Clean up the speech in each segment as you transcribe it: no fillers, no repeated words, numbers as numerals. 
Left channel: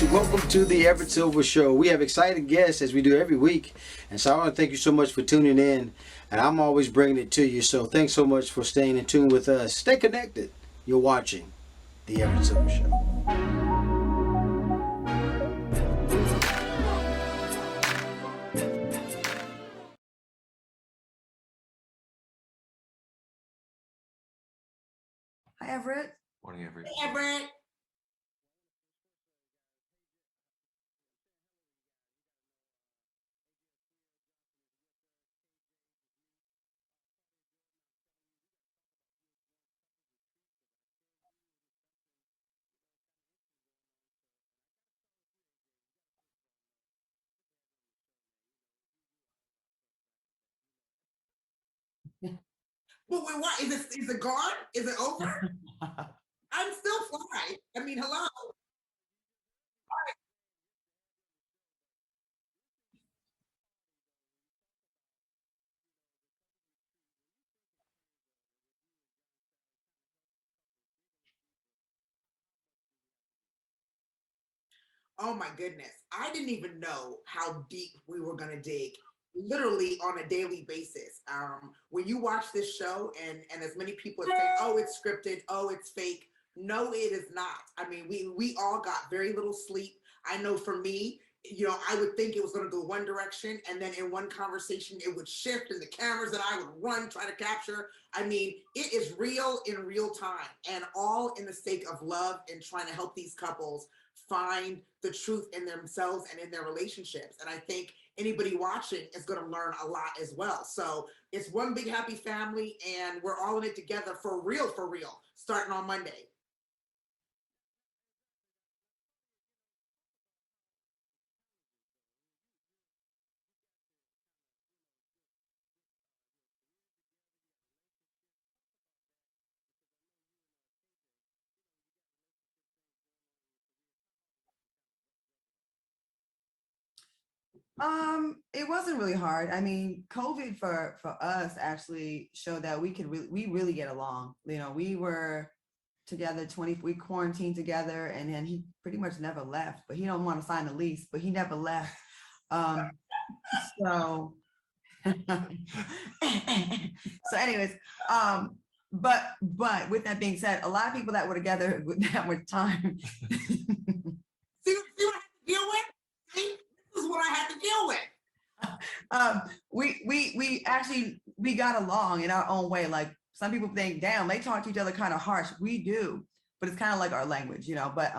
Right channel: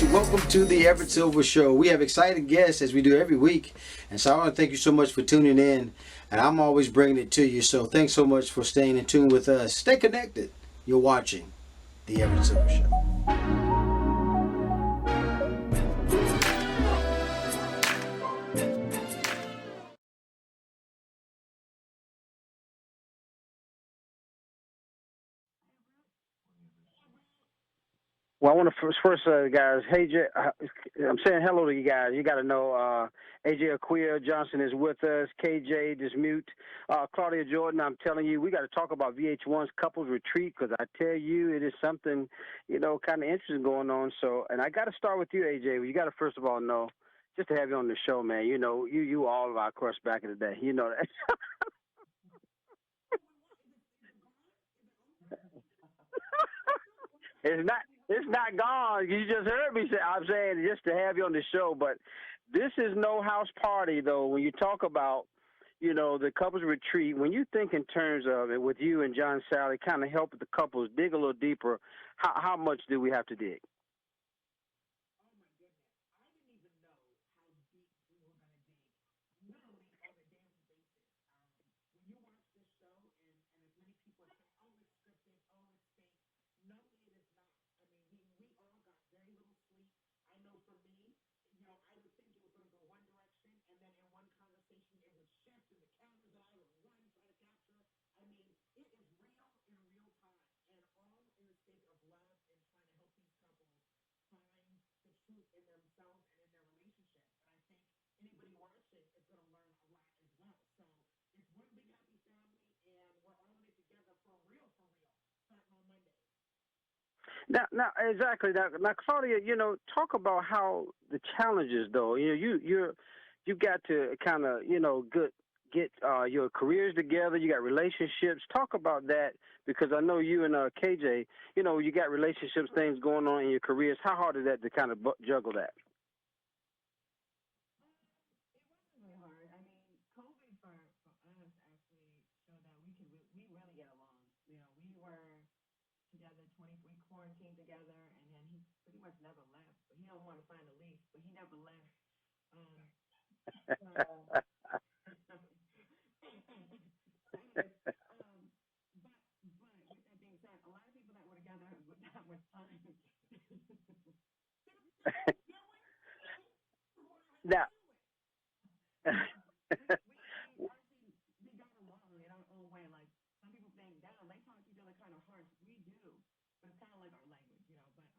guys, welcome to the Everett Silver Show. We have exciting guests as we do every week, and so I want to thank you so much for tuning in, and I'm always bringing it to you, so thanks so much for staying in tune with us. Stay connected. You're watching the Everett Silver Show. Hi, Everett. Morning, Everett. Hey, Everett. Well, I want to first guys, hey, I'm saying hello to you guys. You got to know AJ Aquia Johnson is with us, KJ Dismute, Claudia Jordan. I'm telling you, we got to talk about VH1's Couples Retreat because I tell you, it is something, kind of interesting going on. So, and I got to start with you, AJ. You got to first of all know, just to have you on the show, man. You all of our crush back in the day. You know that. But what is it gone? Is it over? I'm still fly. It's not, hello. It's not gone. You just heard me say. I'm saying just to have you on the show, but this is no house party though. When you talk about, the couples retreat, when you think in terms of it with you and John Sally, kind of help the couples dig a little deeper. How much do we have to dig? Oh my goodness, I didn't even know how deep we were gonna dig. Literally on a daily basis. When you watch this show, and as many people say, "Oh, it's scripted. Oh, it's fake." No, it is not. I mean, we all got very little sleep. I know for me, I would think it was going to go one direction, and then in one conversation, it would shift, and the cameras that I would run, try to capture. I mean, it is real in real time, and all in the sake of love and trying to help these couples find the truth in themselves and in their relationships. And I think anybody watching is going to learn a lot as well. So it's one big happy family, and we're all in it together for real, starting on Monday. Now, exactly. Now, Claudia, talk about how the challenges, though. You got to kind of, get your careers together. You got relationships. Talk about that because I know you and KJ, you got relationships, things going on in your careers. How hard is that to kind of juggle that? It wasn't really hard. I mean, COVID for us actually showed that we really get along. We were together we quarantined together, and then he pretty much never left, but he don't want to sign a lease, but he never left. So so anyways, but with that being said, a lot of people that were together that much time. See what I had to deal with? See, this is what I had to deal with. We got along in our own way. Like, some people think, damn, they talk to each other kind of harsh. We do, but it's kind of like our language, but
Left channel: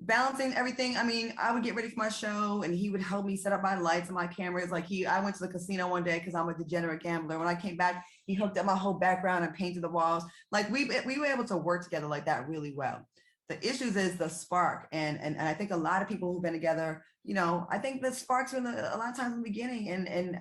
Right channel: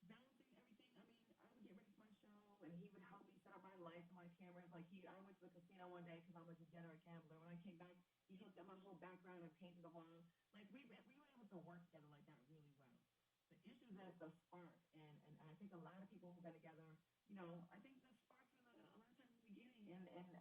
balancing everything. I mean, I would get ready for my show and he would help me set up my lights and my cameras. Like I went to the casino one day because I'm a degenerate gambler. When I came back, he hooked up my whole background and painted the walls. Like we were able to work together like that really well. The issues is the spark. And I think a lot of people who've been together, I think the sparks are a lot of times in the beginning, and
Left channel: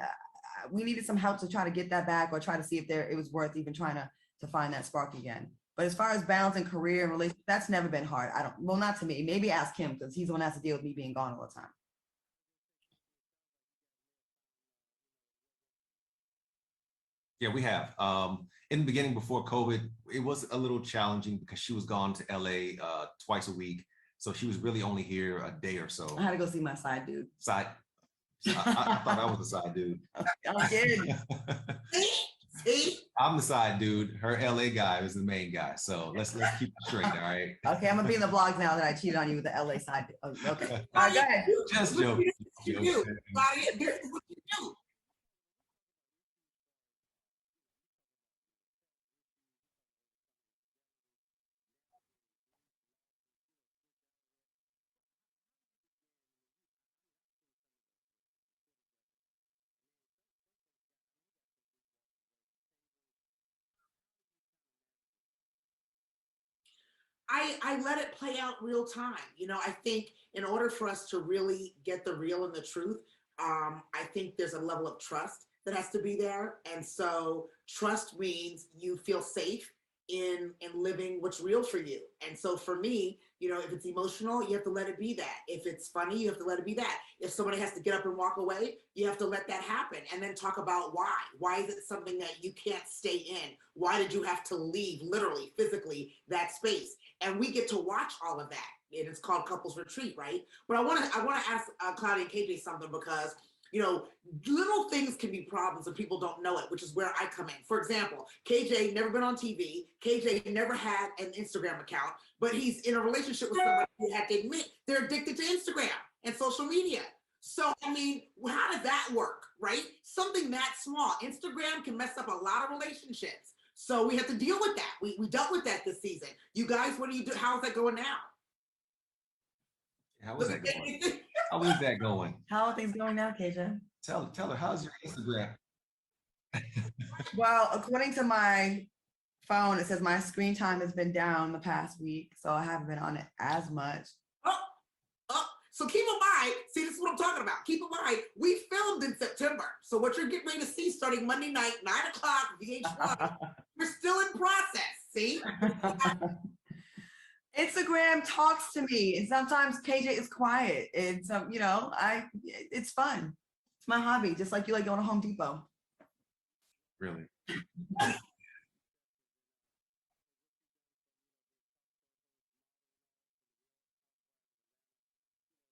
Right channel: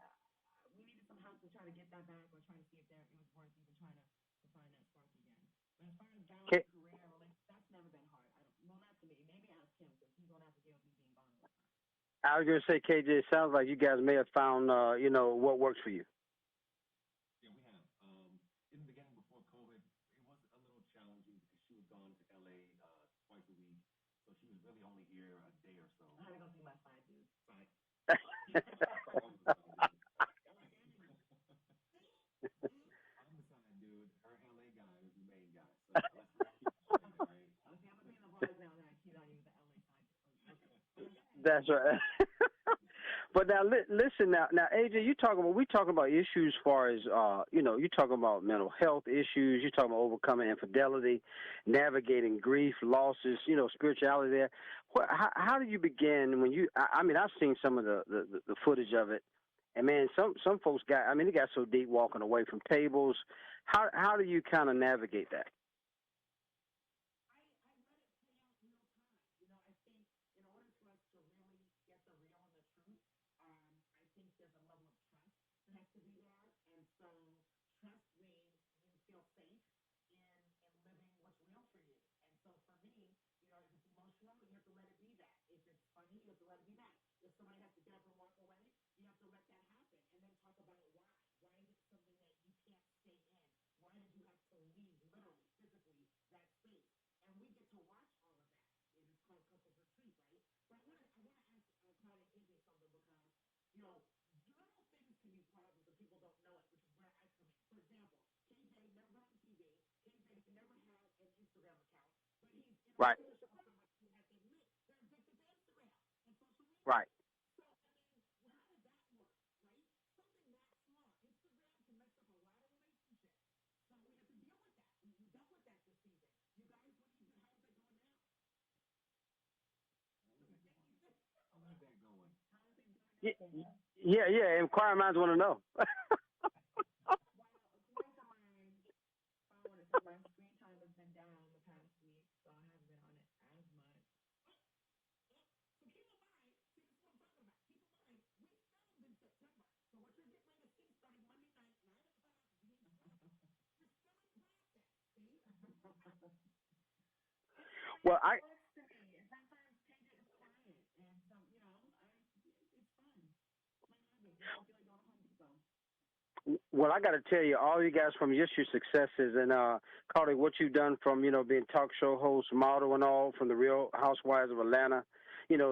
we needed some help to try to get that back or try to see if it was worth even trying to find that spark again. But as far as balancing career and relationship, that's never been hard. Not to me. Maybe ask him because he's the one that has to deal with me being gone all the time. I was going to say, KJ, it sounds like you guys may have found, what works for you. Yeah, we have. In the beginning, before COVID, it was a little challenging because she was gone to LA twice a week. So she was really only here a day or so. I had to go see my side dude. I thought I was the side dude. I'm kidding. I'm the side dude. Her LA guy is the main guy. So let's keep it straight, all right? Okay, I'm gonna be in the blogs now that I cheated on you with the LA side. Okay. All right, go ahead. Just joking. But now, listen now, AJ, we talking about issues as far as you're talking about mental health issues. You're talking about overcoming infidelity, navigating grief, losses. Spirituality there. How do you begin when you? I mean, I've seen some of the footage of it, and man, some folks they got so deep walking away from tables. How do you kind of navigate that? I let it play out real time. I think in order for us to really get the real and the truth, I think there's a level of trust that has to be there. And so trust means you feel safe in living what's real for you. And so for me, if it's emotional, you have to let it be that. If it's funny, you have to let it be that. If somebody has to get up and walk away, you have to let that happen and then talk about why. Why is it something that you can't stay in? Why did you have to leave, literally, physically, that space? And we get to watch all of that. and it's called Couples Retreat, right? But I want to ask Claudia and KJ something because little things can be problems and people don't know it, which is where I come in. For example, KJ never been on TV. KJ never had an Instagram account, but he's in a relationship with somebody who had to admit they're addicted to Instagram and social media. Right. So, I mean, how does that work, right? Something that small. Instagram can mess up a lot of relationships. So we have to deal with that. We dealt with that this season. You guys, what do you do? How's that going now? How is that going? How is that going? How are things going now, KJ? Yeah. Inquiring minds want to know. Well, according to my phone, it says my screen time has been down the past week, so I haven't been on it as much. So keep in mind, see, this is what I'm talking about. Keep in mind, we filmed in September. So what you're getting ready to see starting Monday night, 9 o'clock, VH1, we're still in process, see? Instagram talks to me, and sometimes KJ is quiet. And so, it's fun. It's my hobby, just like you like going to Home Depot. Well, I got to tell you, all you guys from just your successes and Claudia, what you've done from being talk show host, model, and all from the Real Housewives of Atlanta,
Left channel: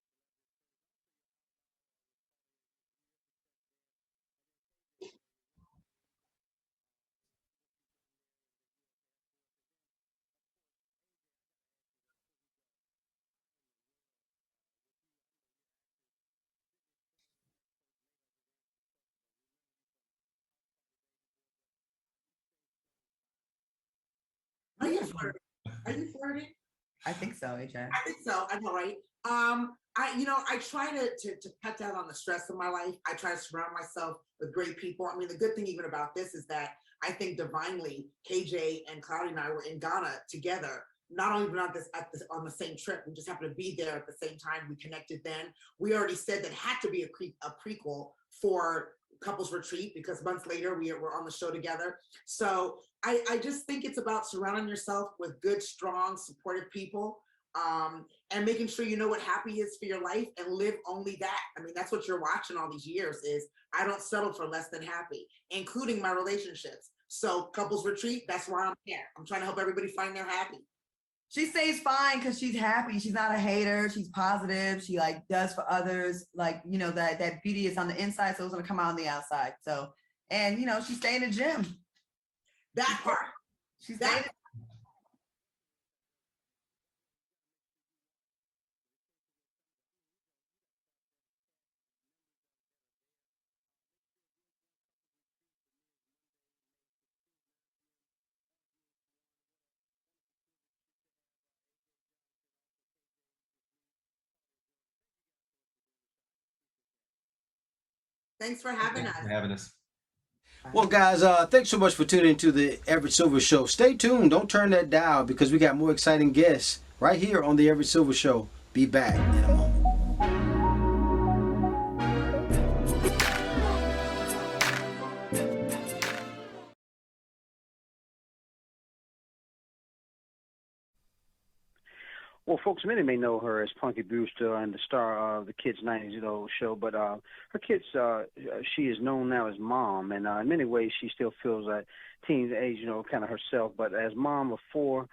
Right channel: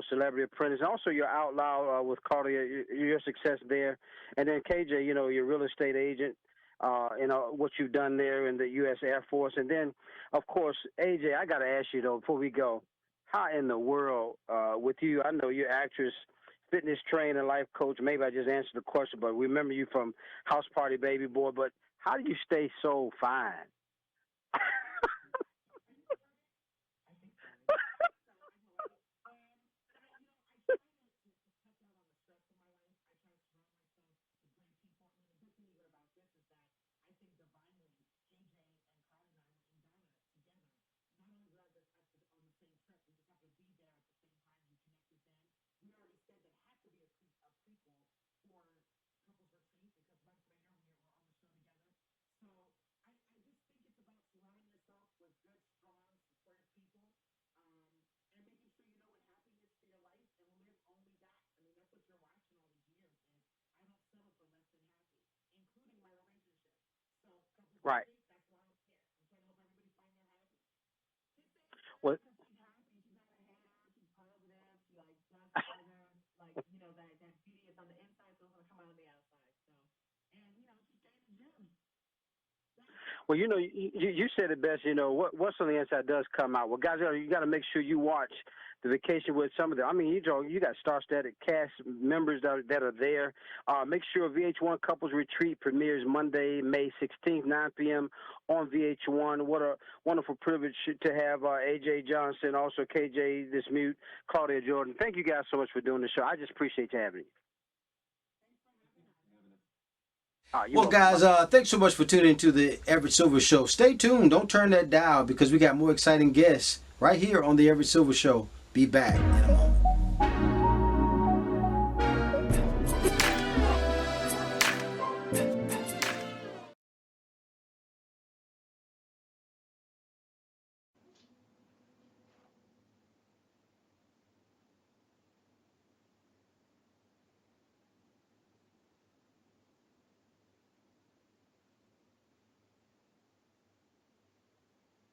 Celebrity Apprentice, and also your Outlaw with Claudia, your success there, and then KJ, your real estate agent, what you've done there in the U.S. Air Force, and then of course, AJ, I got to ask you though before we go, how in the world with you? I know you're actress, fitness trainer, life coach. Maybe I just answered the question, but we remember you from House Party Baby Boy. But how do you stay so fine? Are you flirting? I think so. I think so. I know, right? I try to cut down on the stress of my life. I try to surround myself with great people. I mean, the good thing even about this is that I think divinely, KJ and Claudia and I were in Ghana together. Not only on the same trip, we just happened to be there at the same time. We connected then. We already said that had to be a prequel for Couples Retreat because months later we were on the show together. So I just think it's about surrounding yourself with good, strong, supportive people. And making sure you know what happy is for your life and live only that. I mean, that's what you're watching all these years is I don't settle for less than happy, including my relationships. So Couples Retreat, that's why I'm here. I'm trying to help everybody find their happy. She stays fine because she's happy. She's not a hater. She's positive. She does for others. That beauty is on the inside, so it's gonna come out on the outside. So, and she stay in the gym. That part. Well, you said it best. What's on the inside does come out. Well, guys, you got to make sure you watch The Vacation with some of them. I mean, you got star-studded cast members that are there. Make sure VH1 Couples Retreat premieres Monday, May 16th, 9 p.m. on VH1. What a wonderful privilege to have AJ Johnson, also KJ Dismute, Claudia Jordan. Thank you guys so much for doing the show. I just appreciate you having me. Thanks for having us. Well, guys, thanks so much for tuning into the Everett Silver Show. Stay tuned. Don't turn that dial because we got more exciting guests right here on the Everett Silver Show. Be back in a moment. Well, folks, many may know her as Punky Brewster and the star of the Kids 90s show, but her kids, she is known now as Mom, and in many ways she still feels that teen age, kind of herself, but as mom of 4,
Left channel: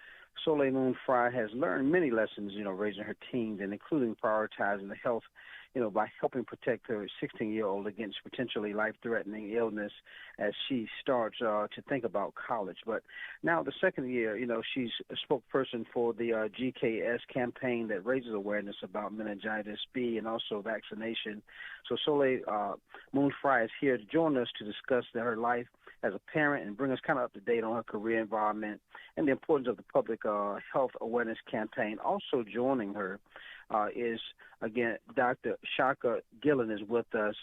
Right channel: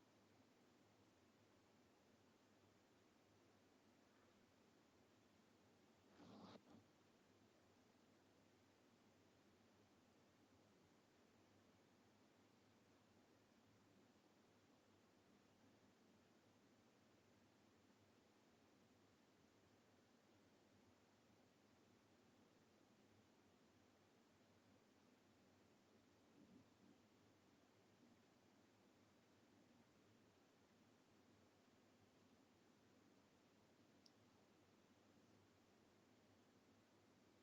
Soleil Moon Frye has learned many lessons, raising her teens and including prioritizing the health, by helping protect her 16-year-old against potentially life-threatening illness as she starts to think about college. But now the second year, she's a spokesperson for the GKS campaign that raises awareness about meningitis B and also vaccination. So Soleil Moon Frye is here to join us to discuss her life as a parent and bring us kind of up to date on her career environment and the importance of the public health awareness campaign. Also joining her is, again, Dr. Shaka Gillen is with us.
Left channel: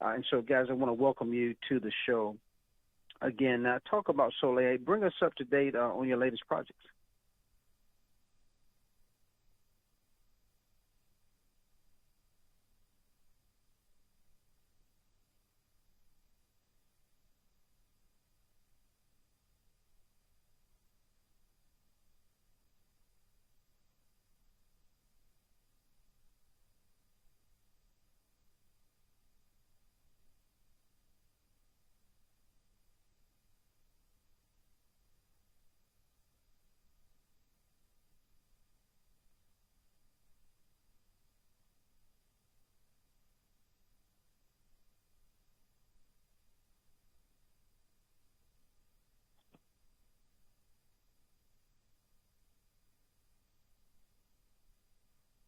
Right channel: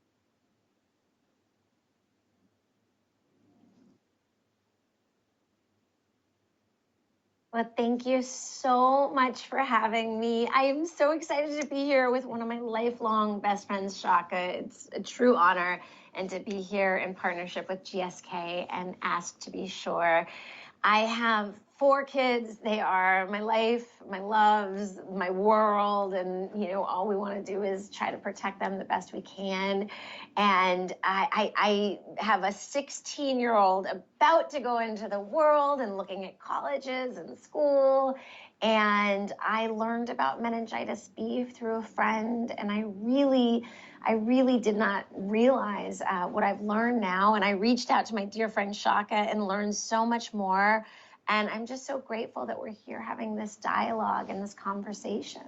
And so, guys, I want to welcome you to the show. Again, talk about Soleil. Bring us up to date on your latest projects. Well, thank you so much for having me. I am so excited to be here with one of my lifelong best friends, Shaka. It's a true honor, and to be here in partnership with GSK and Ask to Be Sure. I have 4 kids. They are my life, my loves, my world, and all we want to do is try to protect them the best we can. And I have a 16-year-old about to go into the world and looking at colleges and school. And I learned about meningitis B through a friend, and I really did not realize what I've learned now. And I reached out to my dear friend Shaka and learned so much more. And I'm just so grateful that we're here having this dialogue and this conversation.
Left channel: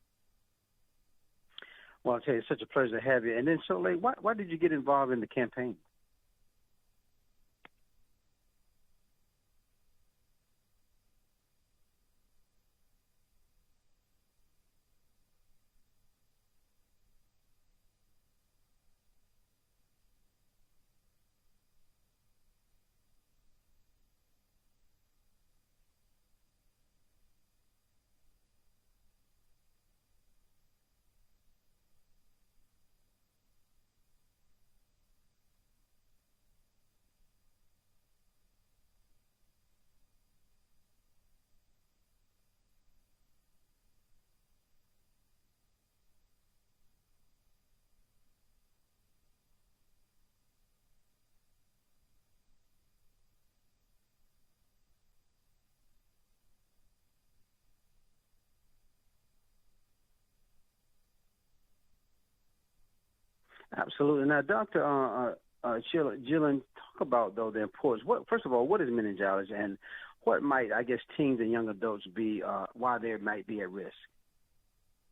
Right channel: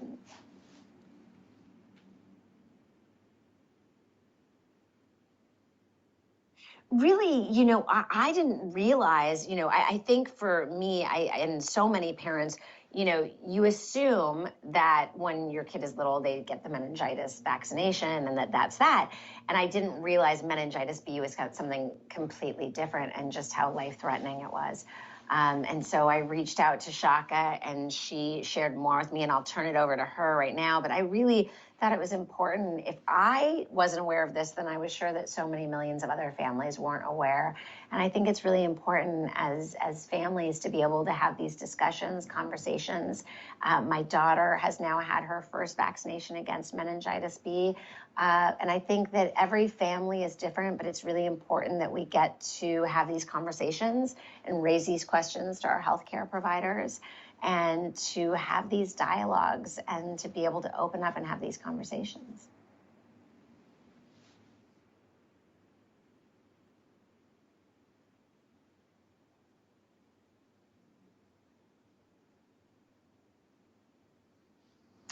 Well, I'll tell you, it's such a pleasure to have you. And then, Soleil, why did you get involved in the campaign? Really, I didn't realize, I think for me, and so many parents, you assume that when your kid is little, they get the meningitis vaccination and that's that. And I didn't realize meningitis B was something completely different and just how life-threatening it was. And so I reached out to Shaka and she shared more with me, and I'll turn it over to her right now. But I really thought it was important. If I wasn't aware of this, then I was sure that so many millions of other families weren't aware. And I think it's really important as families to be able to have these discussions, conversations. My daughter has now had her first vaccination against meningitis B. And I think that every family is different, but it's really important that we get to have these conversations and raise these questions to our healthcare providers and to have these dialogues and to be able to open up and have these conversations. Absolutely. Now, Dr. Gillen, talk about, though, the importance. First of all, what is meningitis, and what might, I guess, teens and young adults be, why they might be at risk?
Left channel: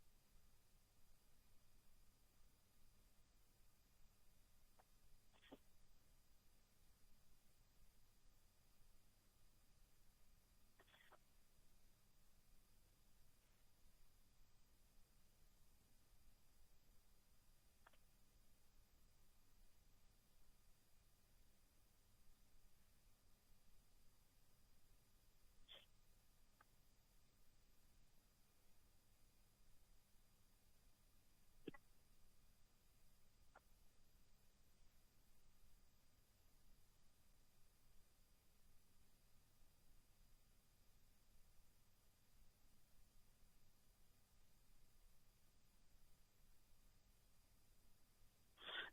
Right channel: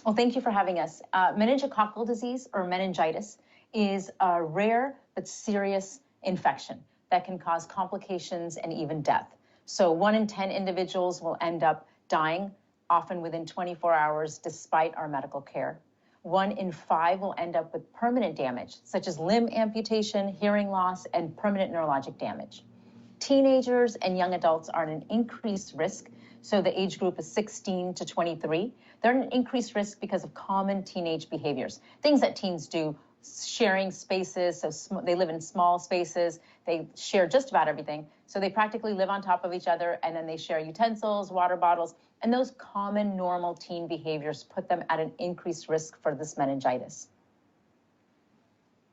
Well, thank you for having us. Meningococcal disease, or meningitis, is a rare but serious infection that can cause complications and even death. So 1 in 10 individuals will end up dying, often within 24 hours, despite our medical care. 1 in 5 will end up with permanent damage, such as limb amputation, hearing loss, and permanent neurologic damage. Teenagers and young adults are at an increased risk. So the age group is 16 to 23. They're at an increased risk because of common teenage behaviors, things that teens do, sharing spaces. So they live in small spaces. They share just about everything. So they practically live on top of each other, and then they share utensils, water bottles, and those common normal teen behaviors put them at an increased risk for this meningitis.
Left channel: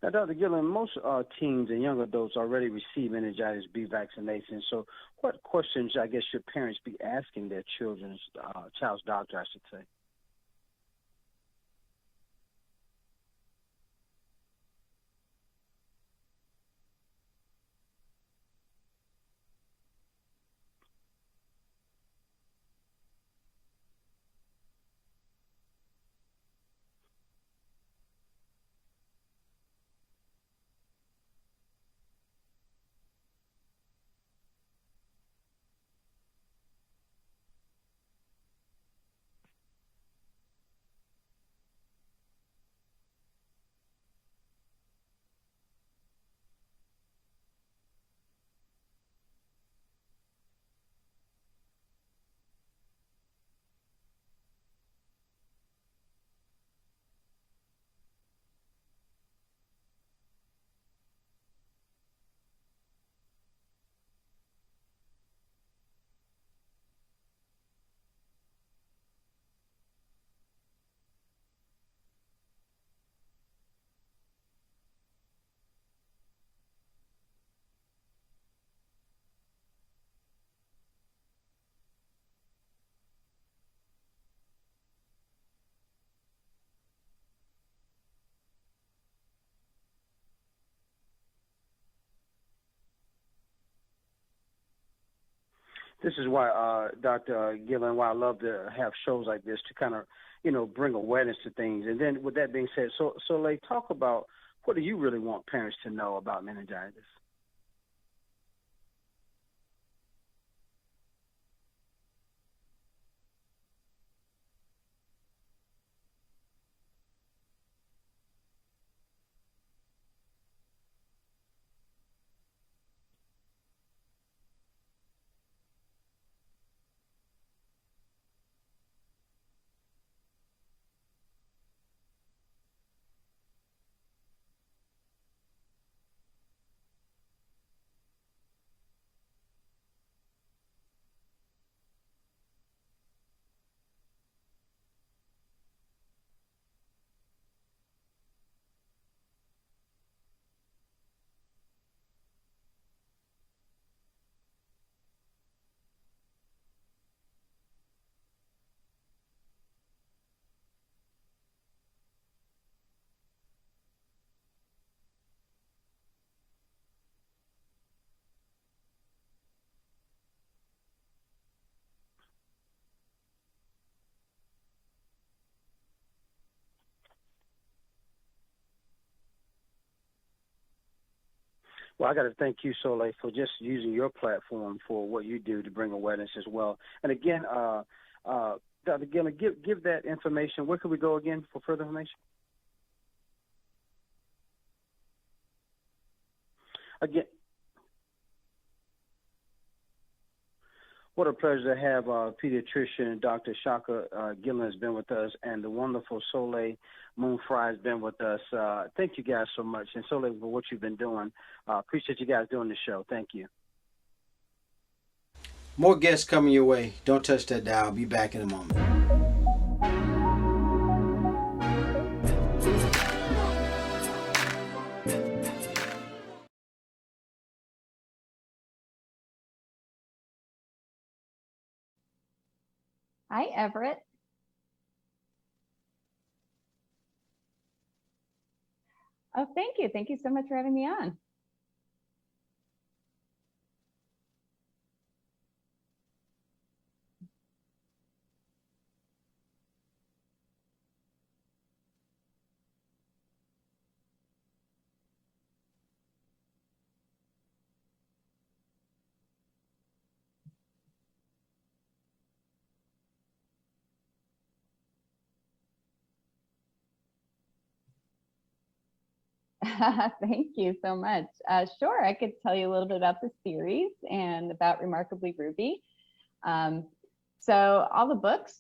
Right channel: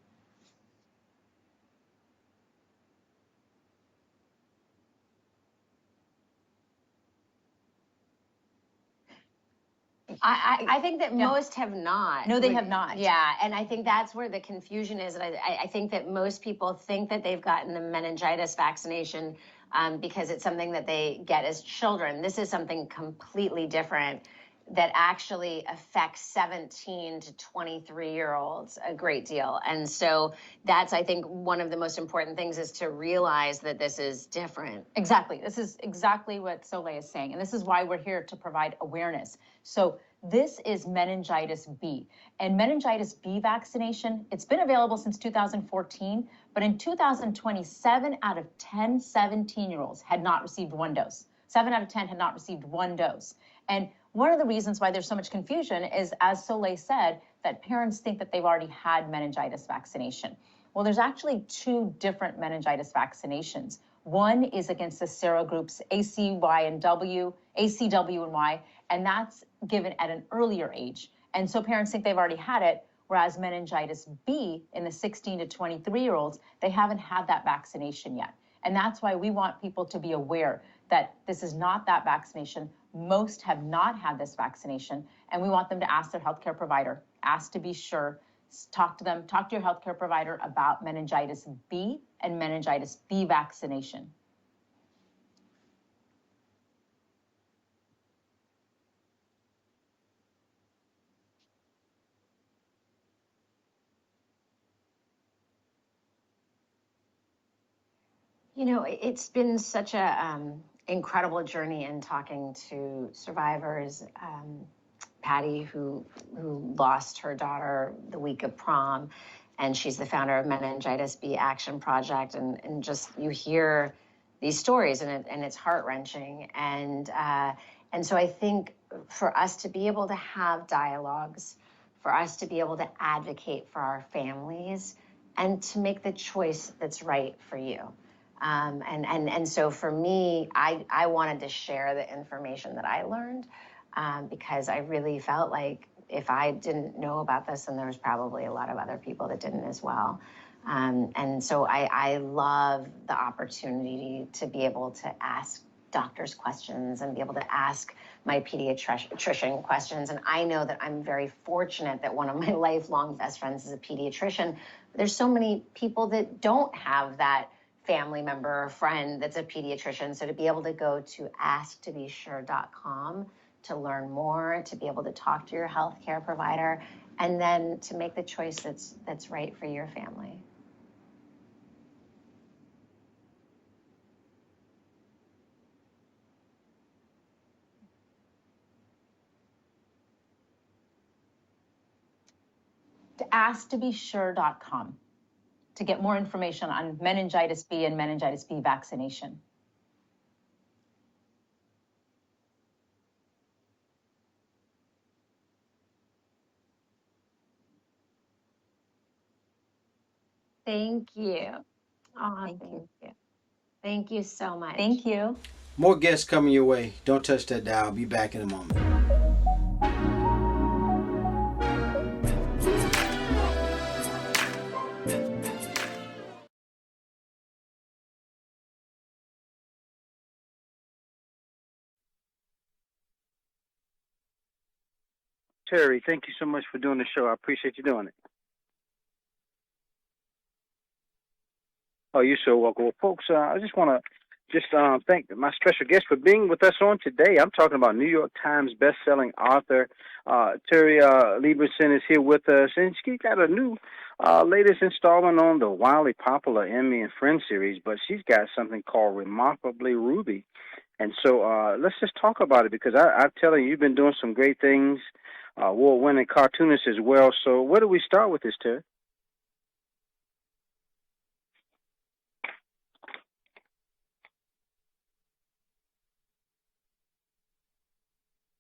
Now, Dr. Gillen, most teens and young adults already receive meningitis B vaccination. So what questions, I guess, should parents be asking their child's doctor, I should say? I think that most have not. No, they have not. Yeah, and I think that's where the confusion is. And I think that most people think that they've gotten the meningitis vaccination because it's something that they get as children. This is something completely different that actually affects 17 to 23-year-olds a great deal. And so that's, I think, one of the most important things is to realize that this is different. Exactly. This is exactly what Soleil is saying. And this is why we're here to provide awareness. So this is meningitis B. And meningitis B vaccination, it's been available since 2014, but in 2020, 7 out of 10 17-year-olds had not received 1 dose. 7 out of 10 had not received 1 dose. And one of the reasons why there's so much confusion is, as Soleil said, that parents think that they've already had meningitis vaccination. Well, there's actually 2 different meningitis vaccinations. One is against the serogroups ACW and Y, and that's given at an earlier age. And so parents think they've already had it, whereas meningitis B in the 16 to 23-year-olds, they haven't had that vaccination yet. And that's why we want people to be aware that this is not that vaccination. Most have not had this vaccination, and we want them to ask their healthcare provider, ask to be sure, talk to them, talk to your healthcare provider about meningitis B and meningitis B vaccination. This is why, Dr. Gillen, why I love to have shows like this to kind of, bring awareness to things. And then with that being said, Soleil, talk about what do you really want parents to know about meningitis? It's been such a incredible journey in talking to survivors. Patty, who lost her daughter the week of prom, and she's the founder of Meningitis B Action Project, and just you hear these stories, and it's heart-wrenching. And so I think for us to be able to have dialogues, for us to be able to advocate for our families, and to make the choice that's right for you. And so for me, I wanted to share the information that I learned because I really felt like if I didn't know about this, then there was probably a lot of other people that didn't as well. And so I love the opportunity to be able to ask doctors questions and be able to ask my pediatrician questions. And I know that I'm very fortunate that one of my lifelong best friends is a pediatrician. There's so many people that don't have that family member or friend that's a pediatrician. So to be able to go to asktobesure.com to learn more, to be able to talk to your healthcare provider, and then to make the choice that's right for your family. Well, I got to thank you, Soleil, for just using your platform for what you do to bring awareness as well. And again, Dr. Gillen, give that information. Where can we go again for further information? To asktobesure.com to get more information on meningitis B and meningitis B vaccination. What a pleasure to have pediatrician Dr. Shaka Gillen has been with us, and the wonderful Soleil Moon Frye has been with us. Thank you guys so much, and Soleil, for what you've been doing. Thank you. Appreciate you guys doing the show. Thank you. Thank you so much. Thank you. More guests coming your way. Don't touch that dial. I'll be back in a moment. Hi, Everett. Terry, thank you so much for doing the show. I appreciate you doing it. Oh, thank you. Thank you so much for having me on. Oh, you're so welcome. Well, folks, I just want to thank my special guest for being with us on today. I'm talking about New York Times best-selling author Terry Libenson is here with us, and she got a new latest installment on the wildly popular Emmy and Friends series, but she's got something called Remarkably Ruby. And so let's just talk about it, because I'm telling you, you've been doing some great things, award-winning cartoonist as well. So where do we start with this, Terry? Thank you so much. Sure, I could tell you a little bit about the series and about Remarkably Ruby. So all the books,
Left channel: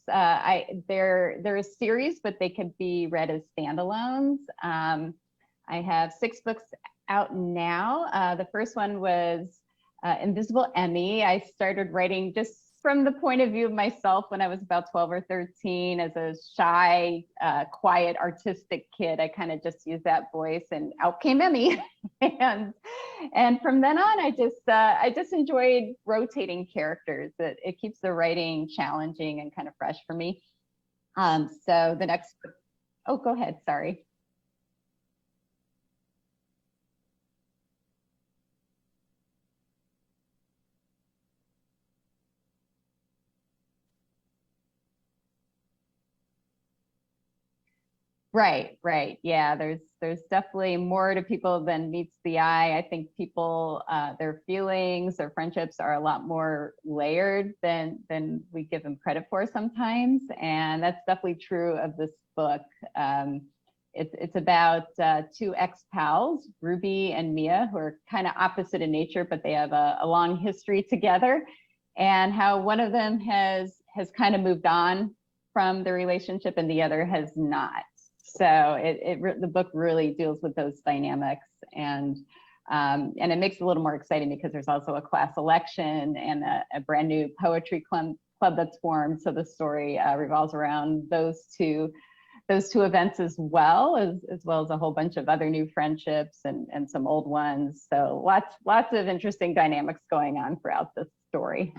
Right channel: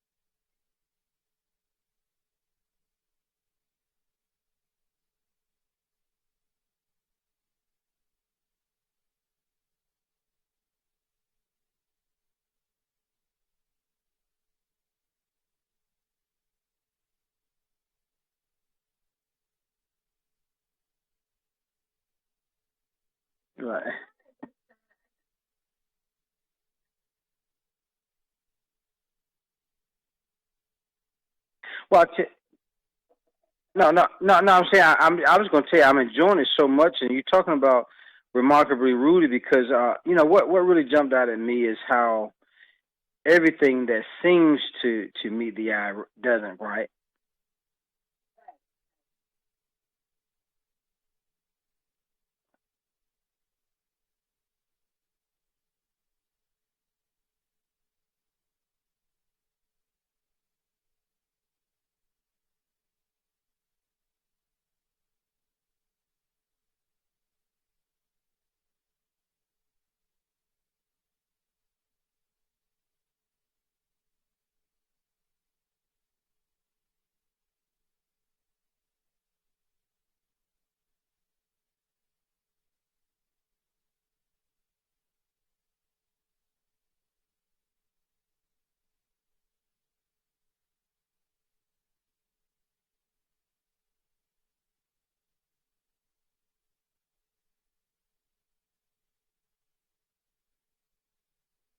they're a series, but they could be read as standalones. I have 6 books out now. The first one was Invisible Emmy. I started writing just from the point of view of myself when I was about 12 or 13 as a shy, quiet, artistic kid. I kind of just used that voice, and out came Emmy. and from then on, I just enjoyed rotating characters. It keeps the writing challenging and kind of fresh for me. Oh, go ahead. Sorry. No. I'm saying I was going to tell you I'm enjoying it so much, and you're talking about Remarkably Rudy, because what really jumped out at me is how everything that seems to meet the eye doesn't, right? Right. Yeah, there's definitely more to people than meets the eye. I think people, their feelings, their friendships are a lot more layered than we give them credit for sometimes, and that's definitely true of this book. It's about 2 ex-pals, Ruby and Mia, who are kind of opposite in nature, but they have a long history together, and how one of them has kind of moved on from the relationship and the other has not. So the book really deals with those dynamics, and it makes it a little more exciting because there's also a class election and a brand new poetry club that's formed. So the story revolves around those two events as well as a whole bunch of other new friendships and some old ones. So lots of interesting dynamics going on throughout this story.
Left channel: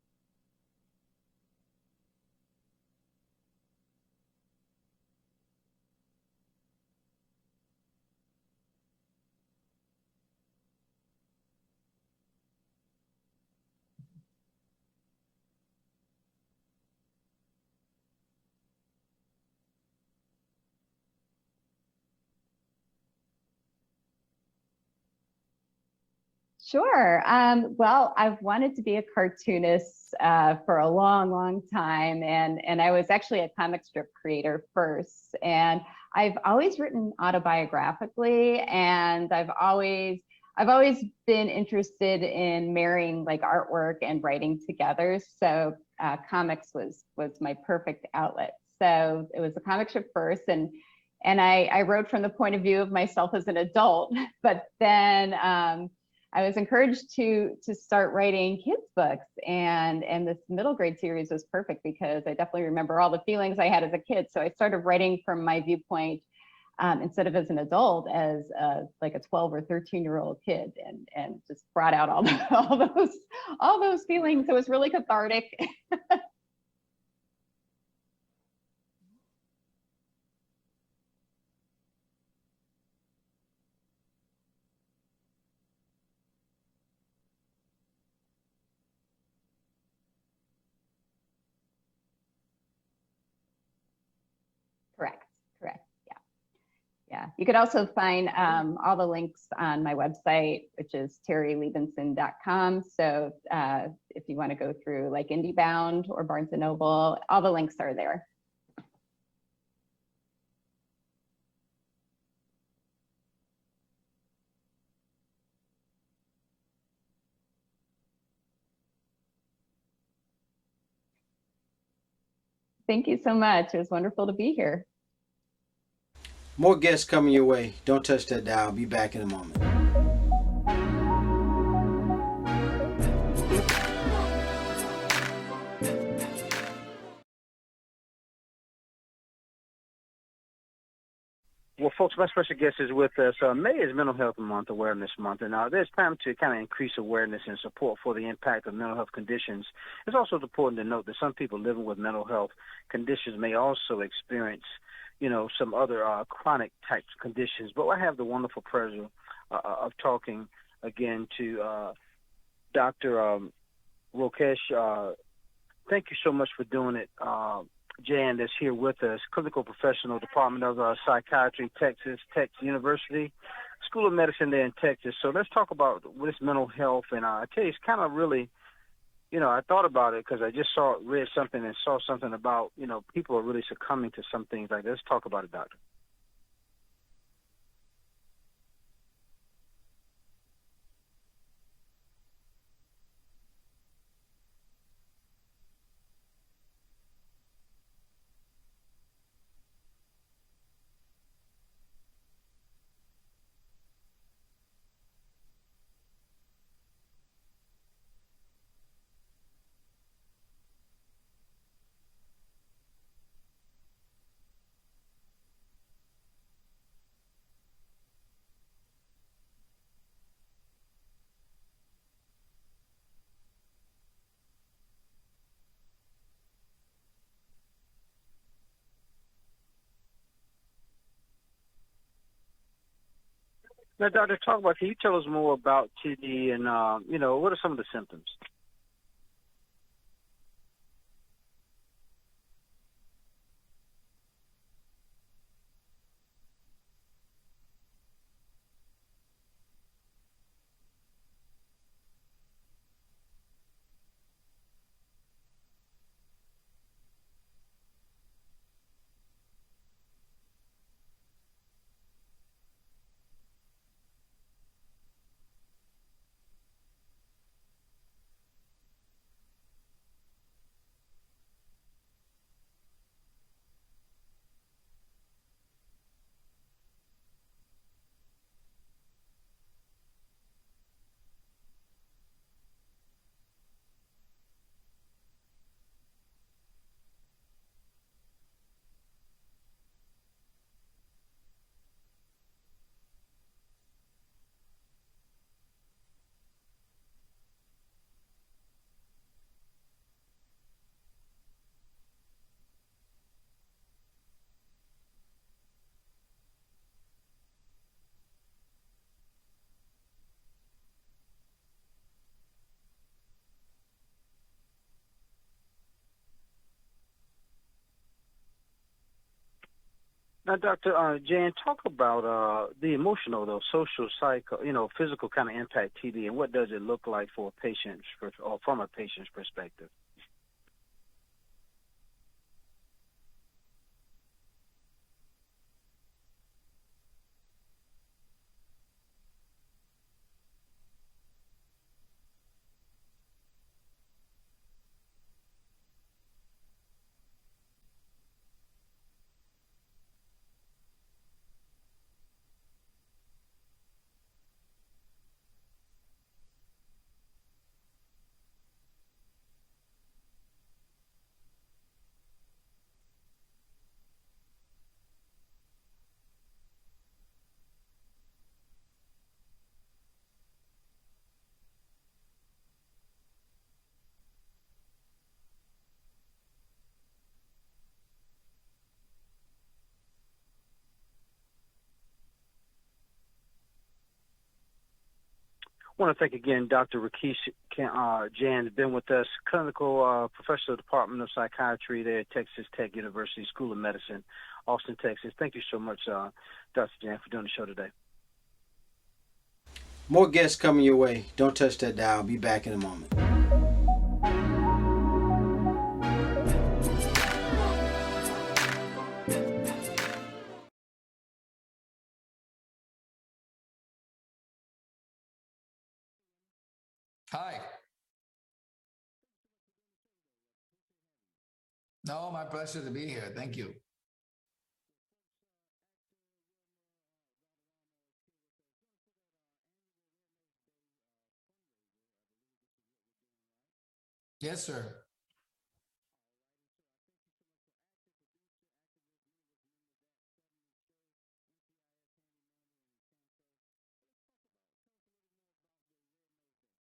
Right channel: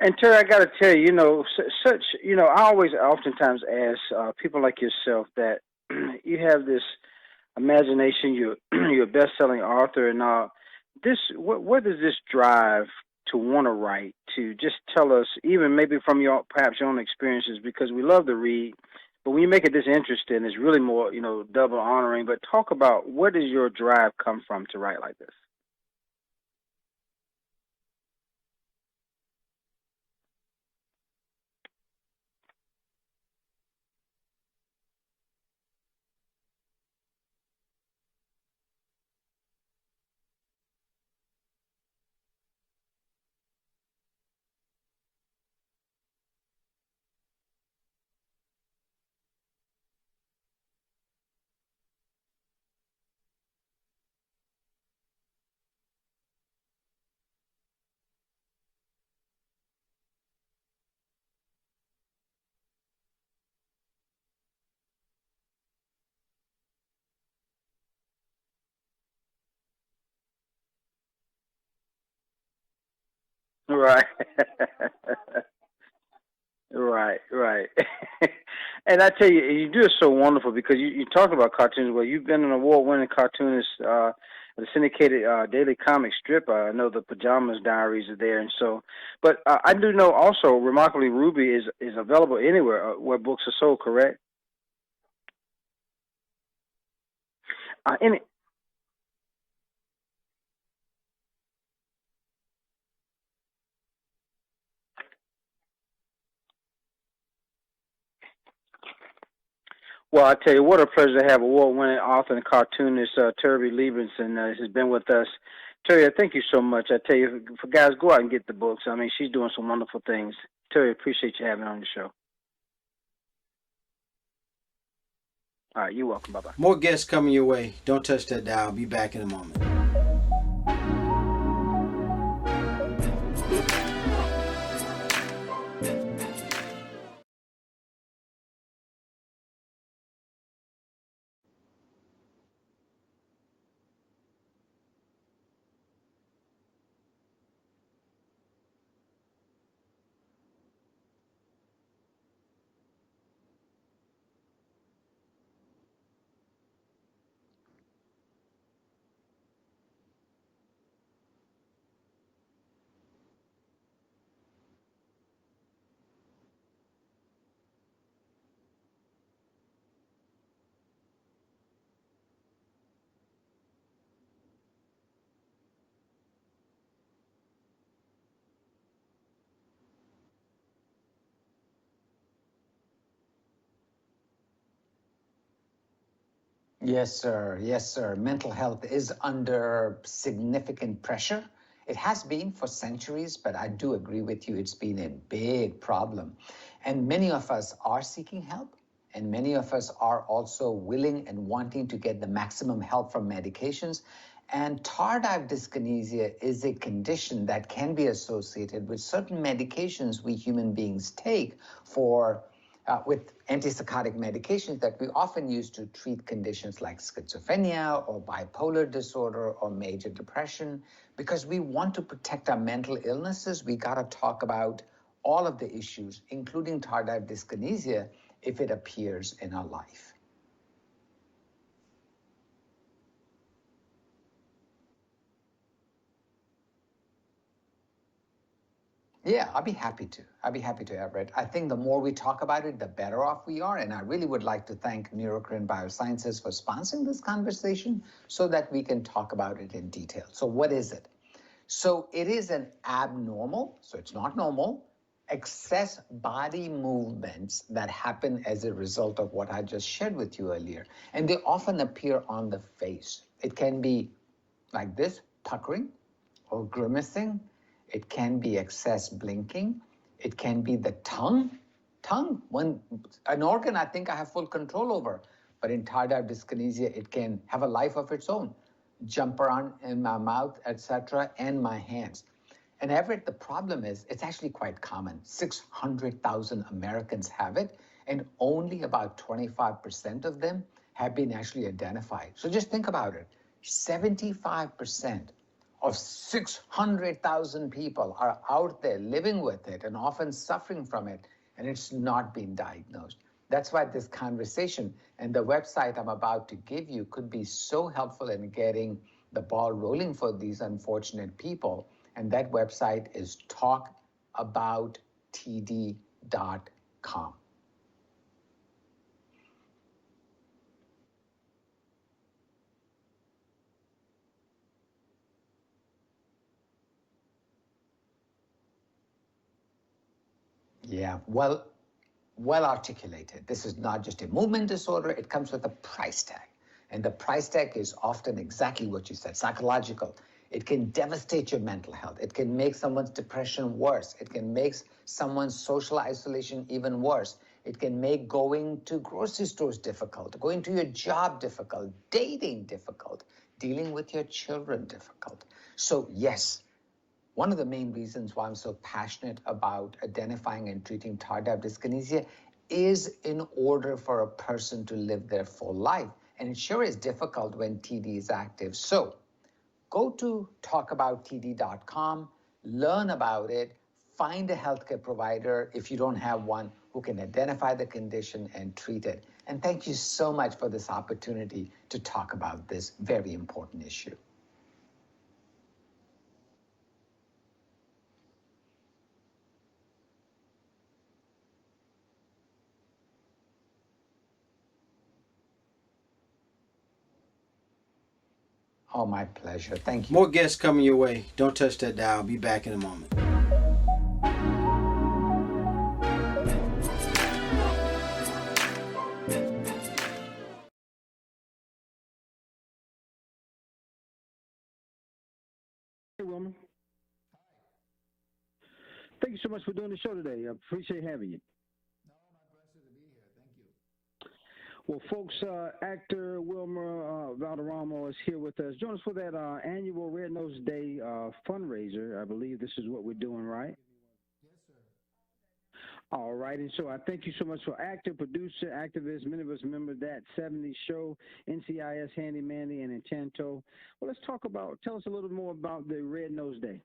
And Terry, I got to tell you, I always oftentimes ask people like yourself that you have this imagination, you're a best-selling author, and where does this drive to want to write, to just tell us, even maybe from perhaps your own experiences, because we love to read, but when you make it this interesting, it's really more, double honoring. But talk about, where does your drive come from to write like this? Sure. Well, I've wanted to be a cartoonist for a long, long time, and I was actually a comic strip creator first. And I've always written autobiographically, and I've always been interested in marrying like artwork and writing together. So comics was my perfect outlet. So it was a comic strip first, and I wrote from the point of view of myself as an adult, but then I was encouraged to start writing kids books, and this middle grade series was perfect because I definitely remember all the feelings I had as a kid. So I started writing from my viewpoint instead of as an adult, as like a 12 or 13-year-old kid, and just brought out all those Right. feelings. It was really cathartic. Right, right. And I tell you, you do it so wonderful because you talk about cartoons. Well, you've been an award-winning cartoonist, the syndicated daily comic strip. I know the Pajamas Diaries are there, and so. But I do know also, remarkably, Ruby is available anywhere where books are sold. Correct? Correct. Yeah. You could also find all the links on my website, which is terrylibenson.com. So if you want to go through like IndieBound or Barnes & Noble, all the links are there. Well, I tell you, what a pleasure to have award-winning author and cartoonist Terry Libenson has been with us. Terry, I thank you so much. I tell you, for guys, go out and get the books. I mean, she's doing some wonderful things. Terry, appreciate you having me on the show. Thank you so much. It was wonderful to be here. All right, you're welcome. Bye-bye. More guests coming your way. Don't touch that dial. I'll be back in a moment. Well, folks, my special guest is with us. May is Mental Health Month, Awareness Month, and there's time to kind of increase awareness and support for the impact of mental health conditions. It's also important to note that some people living with mental health conditions may also experience, some other chronic types of conditions. But I have the wonderful pleasure of talking again to Dr. Rakesh. Thank you so much for doing it. Jain, that's here with us, clinical professional, Department of Psychiatry, Texas Tech University, School of Medicine there in Texas. So let's talk about this mental health. And I tell you, it's kind of really, I thought about it because I just read something and saw something about, people are really succumbing to some things like this. Let's talk about it, doctor. Yes, sir. Yes, sir. Mental health is under significant pressure. It has been for centuries, but I do agree with you. It's been a big problem. And many of us are seeking help, and many of us are also willing and wanting to get the maximum help from medications. And tardive dyskinesia is a condition that can be associated with certain medications we human beings take with antipsychotic medications that we often use to treat conditions like schizophrenia or bipolar disorder or major depression. Because we want to protect our mental illnesses, we got to talk about all of the issues, including tardive dyskinesia, if it appears in our life. Now, Doctor, can you tell us more about TD and, what are some of the symptoms? Yeah, I'll be happy to, Everett. I think the more we talk about it, the better off we are. And I really would like to thank Neurocrine Biosciences for sponsoring this conversation so that we can talk about it in detail. So what is it? So it is an abnormal, so it's not normal, excess body movements that happen as a result of what I just shared with you earlier. And they often appear on the face. It can be like this, puckering or grimacing. It can be excess blinking. It can be the tongue, when an organ I think I have full control over. But in tardive dyskinesia, it can have a life of its own, jump around in my mouth, etc., and my hands. And Everett, the problem is it's actually quite common. 600,000 Americans have it, and only about 25% of them have been actually identified. So just think about it. 75% of 600,000 people are out there living with it and often suffering from it, and it's not been diagnosed. That's why this conversation and the website I'm about to give you could be so helpful in getting the ball rolling for these unfortunate people. And that website is talkabouttd.com. Now, Dr. Jain, talk about the emotional, though, social, physical kind of impact TD, and what does it look like for a patient, or from a patient's perspective? Yeah, well articulated. This is not just a movement disorder. It comes with a price tag. And the price tag is often exactly what you said, psychological. It can devastate your mental health. It can make someone's depression worse. It can make someone's social isolation even worse. It can make going to grocery stores difficult, going to your job difficult, dating difficult, dealing with your children difficult. So yes, one of the main reasons why I'm so passionate about identifying and treating tardive dyskinesia is in order for a person to live their full life And it sure is difficult when TD is active. So go to talkabouttd.com, learn about it, find a healthcare provider if you don't have one who can identify the condition and treat it. And thank you so much for this opportunity to talk about this very important issue. I want to thank again Dr. Rakesh Jain, has been with us, clinical professor of the Department of Psychiatry there at Texas Tech University School of Medicine, Austin, Texas. Thank you so much, Dr. Jain, for doing the show today. Oh, my pleasure. Thank you. More guests coming your way. Don't touch that dial. I'll be back in a moment. Hey, Wilmer. Hi. Thank you so much for doing the show today. I appreciate having you. No, my pleasure to be here. Thank you. Well, folks, actor Wilmer Valderrama is here with us. Join us for that annual Red Nose Day fundraiser. I believe this is what we're doing, right? Yes, sir. All right, and so I thank you so much for actor, producer, activist. Many of us remember that 70s show, NCIS, Handy Mandy, and Enchanto. Well, tell us a little more about the Red Nose Day.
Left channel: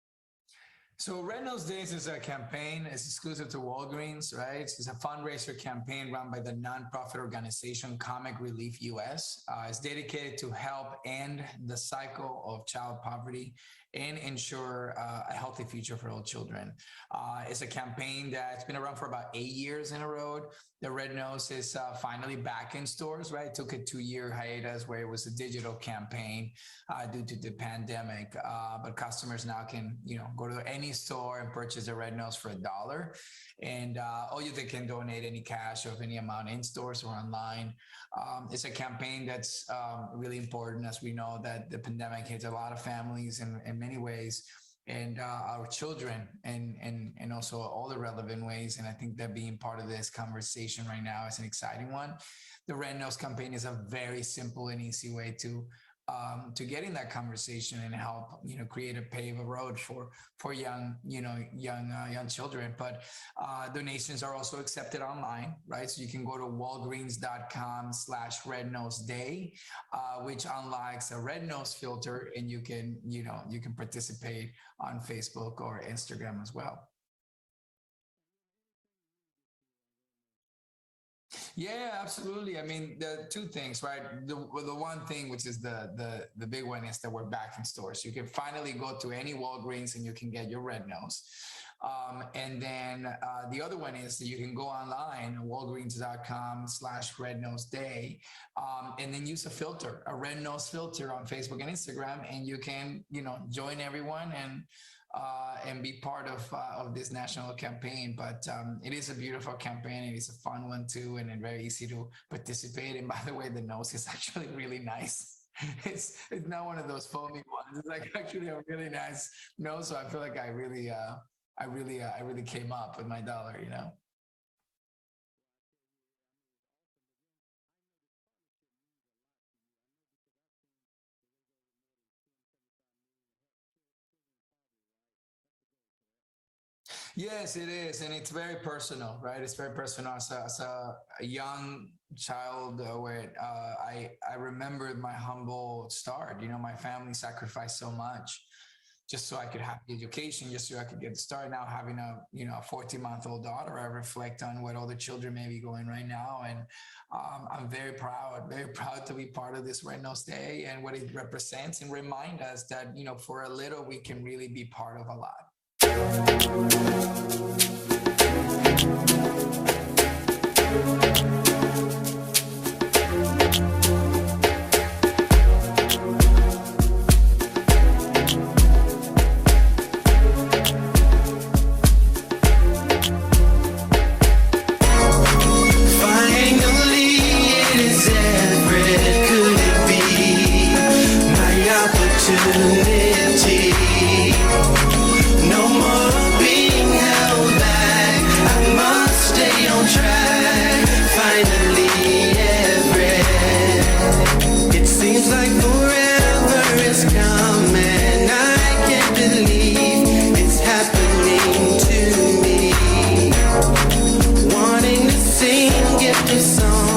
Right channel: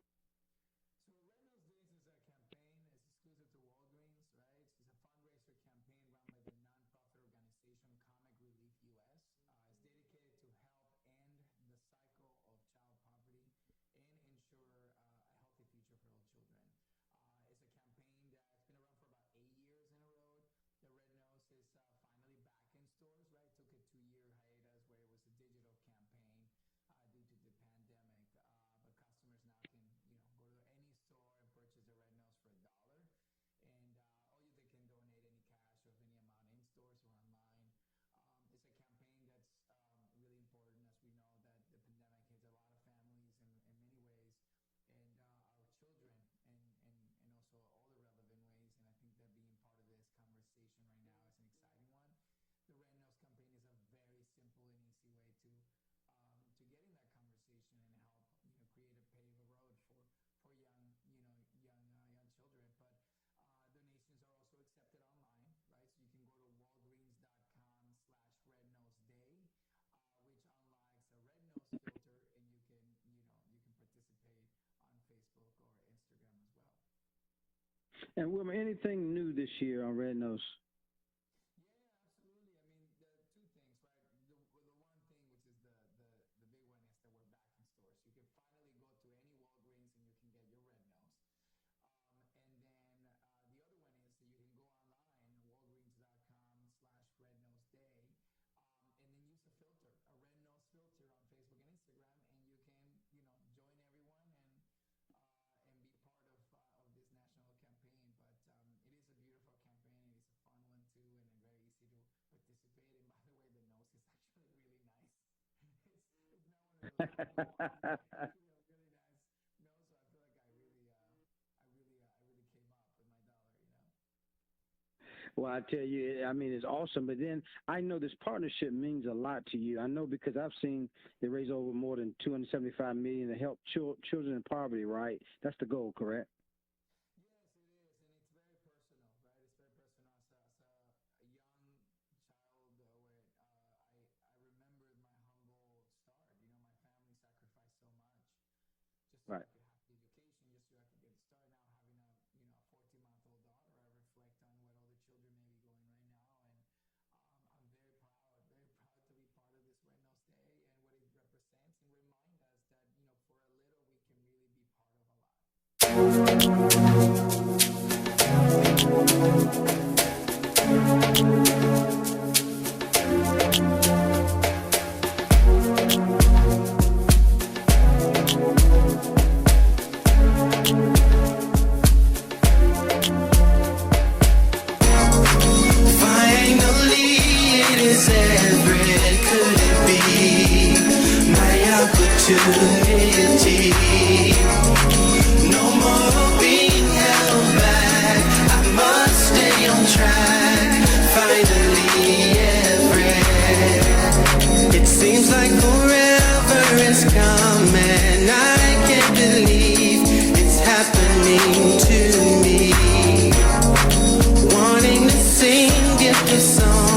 So Red Nose Days is a campaign. It's exclusive to Walgreens, right? It's a fundraiser campaign run by the nonprofit organization Comic Relief US. It's dedicated to help end the cycle of child poverty and ensure a healthy future for all children. It's a campaign that's been around for about 8 years in a row. The Red Nose is finally back in stores, right? It took a 2-year hiatus where it was a digital campaign due to the pandemic. But customers now can, go to any store and purchase a Red Nose for $1. And they can donate any cash of any amount in stores or online. It's a campaign that's really important, as we know that the pandemic hits a lot of families in many ways, and our children, and also all the relevant ways. And I think that being part of this conversation right now is an exciting one. The Red Nose campaign is a very simple and easy way to get in that conversation and help, create a pave a road for young children. But donations are also accepted online, right? So you can go to walgreens.com/rednoseday, which unlocks a Red Nose filter, and you can participate on Facebook or Instagram as well. And Wilmer, anything new this year on Red Nose? Yeah, absolutely. I mean, the two things, right? The one thing, which is the big one, is that we're back in stores. You can finally go to any Walgreens and you can get your Red Nose. And then the other one is that you can go online, walgreens.com/rednoseday, and then use a filter, a Red Nose filter on Facebook and Instagram, and you can, join everyone and be part of this national campaign. But it is a beautiful campaign. It is a fun one too, and very easy to participate. And by the way, the nose is actually really nice. It's not one of those foamy ones. It's like actually a really nice nose. So I feel like I really came up with my $1, Well, I tell you, I mean, it's awesome. But then I know this partnership means a lot to you. I know because I've seen they raise over more than $275 million to help children in poverty, right? That's the goal, correct? Yes, it is. And it's very personal, right? It's very personal. As a young child, where I remember my humble start. My family sacrificed so much just so I could have the education, just so I could get started. Now having a 14-month-old daughter, I reflect on what all the children may be going right now. And I'm very proud to be part of this Red Nose Day and what it represents, and remind us that, for a little, we can really be part of a lot. Seems like forever is coming. I can't believe it's happening to me. Wanting to sing, get the song.